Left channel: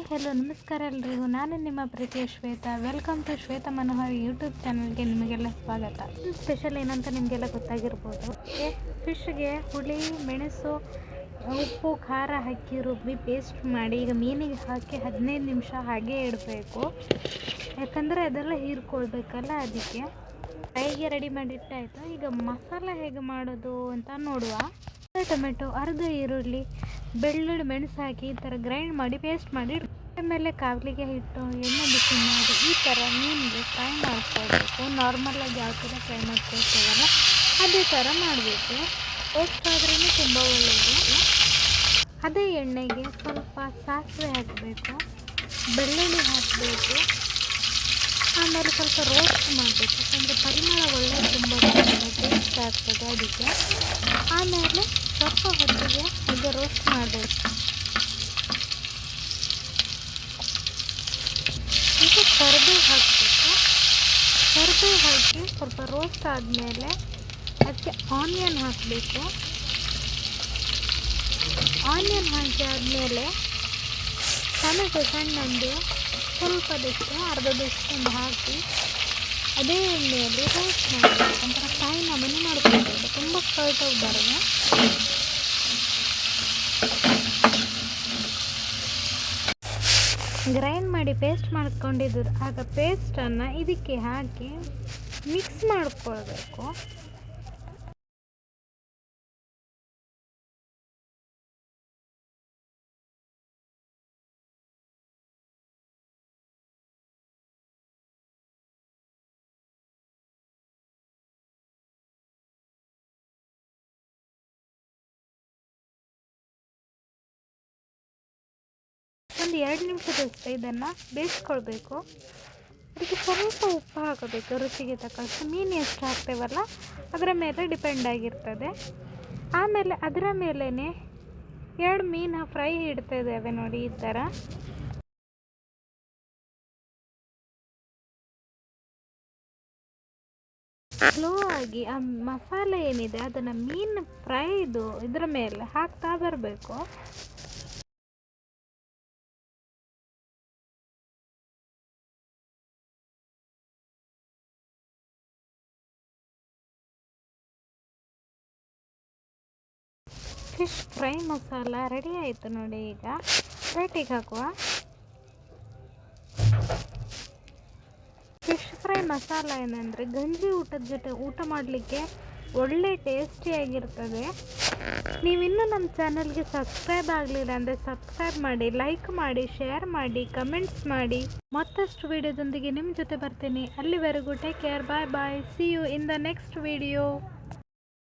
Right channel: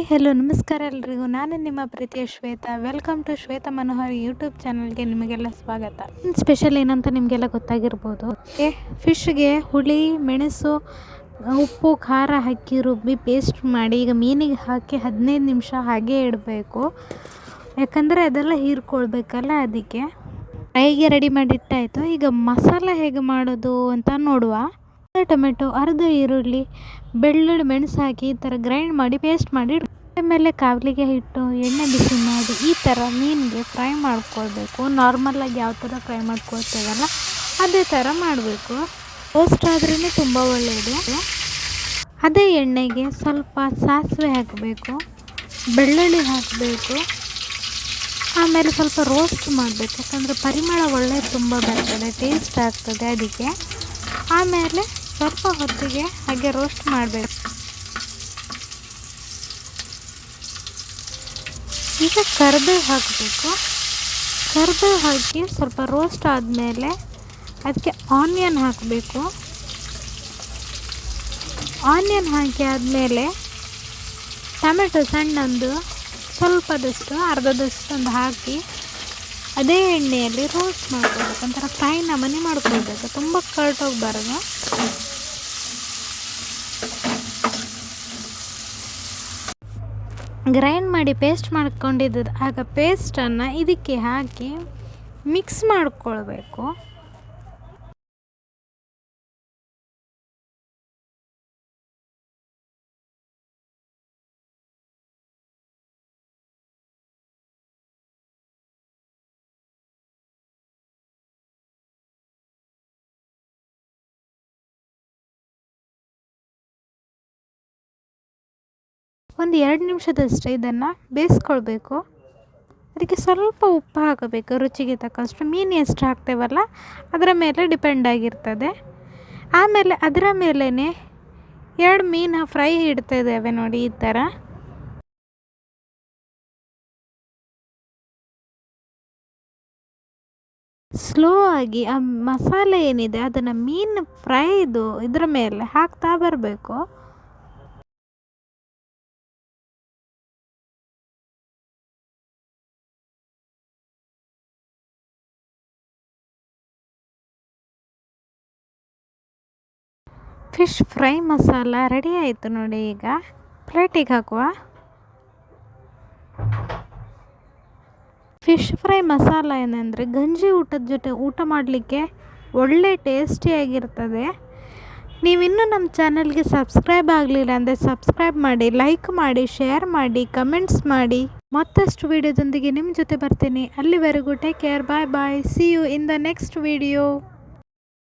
Hi hello, ನಮಸ್ಕಾರ ಎಲ್ರಿಗೂ. ನಾನು ನಿಮ್ಮ ಪ್ರೀತಿಯ Shweta. Welcome to Shweta Manohar YouTube ಚಾನಲ್ಗೆ ನಿಮಗೆಲ್ಲ ಸ್ವಾಗತ. ಸ್ಪೆಷಲ್ ಏನಂತ ನಿಮಗೆಲ್ಲ ಗೊತ್ತಾಗಿರ್ಬೋದು. ಓಕೆ ಫಿಶ್ಗೆ ಹುಳಿ, ಮೆಣಸು, ಉಪ್ಪು, ಖಾರ ಹಾಕಿ ರುಬ್ಬಿ ಪೇಸ್ಟ್ ಮಾಡಿ ಈಗ ಮೀನಿಗೆ ಹಾಕಿ ಹದಿನೈದು ನಿಮಿಷ ಹಾಗೆ ಇಡಬೇಕು. ಯಾಕಂದರೆ ಅದೆಲ್ಲ ಹೀರ್ಕೊಳ್ಬೇಕಲ್ಲ ಅದಕ್ಕೆ. ಫ್ರೈಗೆ ರೆಡಿ ಮಾಡಿಟ್ಟಾಯಿತು. ಈಗ ಮಸಾಲ ಹೇಗೆ ಮಾಡೋದು ಅಂತ ನೋಡುವ. ಟೊಮೆಟೊ, ಅರ್ಧ ಈರುಳ್ಳಿ, ಬೆಳ್ಳುಳ್ಳಿ ಮೆಣಸು ಹಾಕಿ ಈ ಥರ ಗ್ರೈಂಡ್ ಮಾಡಿ ಪೇಸ್ಟ್ ಮಾಡಿ ಆಮೇಲೆ ಕಾವಲಿಗೆ ಹಿಟ್ಟು, ಎಣ್ಣೆ ಬಿಸಿ ಮಾಡಿ ಈ ಥರ ಮೀನಿಗೆ ಫ್ರೈ ಮಾಡ್ಕೊಳ್ಬೇಕು. ನಾರ್ಮಲಾಗಿ ಯಾವ ಥರ ಫ್ರೈ ಮಾಡ್ಕೊಳ್ತೇವಲ್ಲ ಅದೇ ಥರ ಮಾಡಬೇಕು. ರೋಸ್ಟ್ ಆದ್ರೂ ತುಂಬ ಒಳ್ಳೆಯದು ಅದೇ ಎಣ್ಣೆಗೆ ಸ್ವಲ್ಪ ಸಾಸಿವೆ ಹಾಕಬೇಕು, ಬೆಳ್ಳುಳ್ಳಿ ಹಾಕಬೇಕು, ಆಮೇಲೆ ಸ್ವಲ್ಪ ರೋಸ್ಟ್ ಮಾಡಬೇಕು. ಯಾಕಂದರೆ ಪರಿಮಳ ಒಳ್ಳೆ ತುಂಬ ಬರ್ತದೆ ಟೇಸ್ಟ್ ಆಗ್ತದೆ ಅದಕ್ಕೆ. ಆಮೇಲೆ ಸ್ವಲ್ಪ ಹೊತ್ತಿಗೆ ಹಾಗೆ ರೋಸ್ಟ್ ಮಾಡಬೇಕು. ಈಗ ಕರಿಬೇವು ಹಾಕಬೇಕು. ಕರಿಬೇವು ಹಾಕಿ ಸ್ವಲ್ಪ ರೋಸ್ಟ್ ಆದಮೇಲೆ ಅದಕ್ಕೆ ಆನಿಯನ್ ಹಾಕಬೇಕು. ಆನಿಯನ್ ಹಾಕಿ ಆದಮೇಲೆ ಟೊಮೆಟೊ ಸಣ್ಣೊಂದು ಸ್ವಲ್ಪದಷ್ಟು ಅರ್ಧದಷ್ಟೊಂದು ಹಾಕಿ ಅದೇ ಎಣ್ಣೆಯಲ್ಲಿ ರೋಸ್ಟ್ ಮಾಡಬೇಕು ಒಂಥರ ಫ್ರೈ ನಮನೆ ಮಾಡ್ಕೊಳ್ಬೇಕು ತುಂಬ ಕರ್ಟೋಗ್ಬಾರ್ದು ಗ್ರೈಂಡ್ ಮಾಡಿ ಪೇಸ್ಟ್ ಮಾಡ್ಕೊಂಡಿದ್ದು ಆಗ ಪೇಸ್ಟನ್ನು ಇದಕ್ಕೆ ಹಾಕಿ ಮಿಕ್ಸ್ ಮಾಡ್ಕೊಳ್ಬೇಕು. ಒಂದು ಎರಡು ನಿಮಿಷದಷ್ಟೇ ಇದನ್ನು ಬೇಯಿಸ್ಕೊಳ್ಬೇಕು. ಅದಕ್ಕೆ ಸ್ವಲ್ಪ ಉಪ್ಪು ಹಾಕಬೇಕು, ರುಚಿಗೆ ತಕ್ಕಷ್ಟು. ಮೀನು ಎಷ್ಟು ಹಾಕ್ತೇವಲ್ಲ, ಅದರ ಮೇಲೆ ಡಿಪೆಂಡ್ ಆಗಿರ್ತದೆ. ಆಮೇಲೆ ಅದರ ಮೇಲೇ ಎರಡು ಮೀನು ಫ್ರೈ ಇಡ್ತಾ ನೋಡಿ ಈ ಥರ. ಸ್ಲೋ ಆಗಿ ಆ ಮಸಾಲೆ ಏನಿದೆ, ಅದನ್ನು ಮೀನು ಫ್ರೈದು ಇದರ ಮೇಲೆ ಹಾಕ್ತಾ ಬರಬೇಕು. ಫಿಶ್ ಫ್ರೈ ಮಸಾಲ ರೆಡಿ ಆಯಿತು ನೋಡಿ ಈಗ. ಪ್ಲೇಟಿಗೆ ಹಾಕುವ. ಫಿಶ್ ಫ್ರೈ ಮಸಾಲ ಏನಂದರೆ ಗಂಜಿ ಊಟದ ಜೊತೆ ಊಟ ಮಾಡಲಿಕ್ಕೆ ಒಳ್ಳೆ ಟೇಸ್ಟಿಯಾಗಿರ್ತದೆ ನೀವಿನ್ನೂ ನಮ್ಮ ಚಾನಲ್ಗೆ ಸಬ್ಸ್ಕ್ರೈಬ್ ಆಗಲಿಲ್ಲ ಅಂದರೆ ಸಬ್ಸ್ಕ್ರೈಬ್ ಮಾಡಿ, ಲೈಕ್ ಮಾಡಿ, ಶೇರ್ ಮಾಡಿ, ಕಮೆಂಟ್ಸ್ ಮಾಡಿ. ಮತ್ತಷ್ಟು ವಿಡಿಯೋದೊಂದಿಗೆ ನಿಮ್ಮ ಜೊತೆ ಬರ್ತೀನಿ. ಅಲ್ಲಿವರೆಗೂ take care bye bye see you in the next video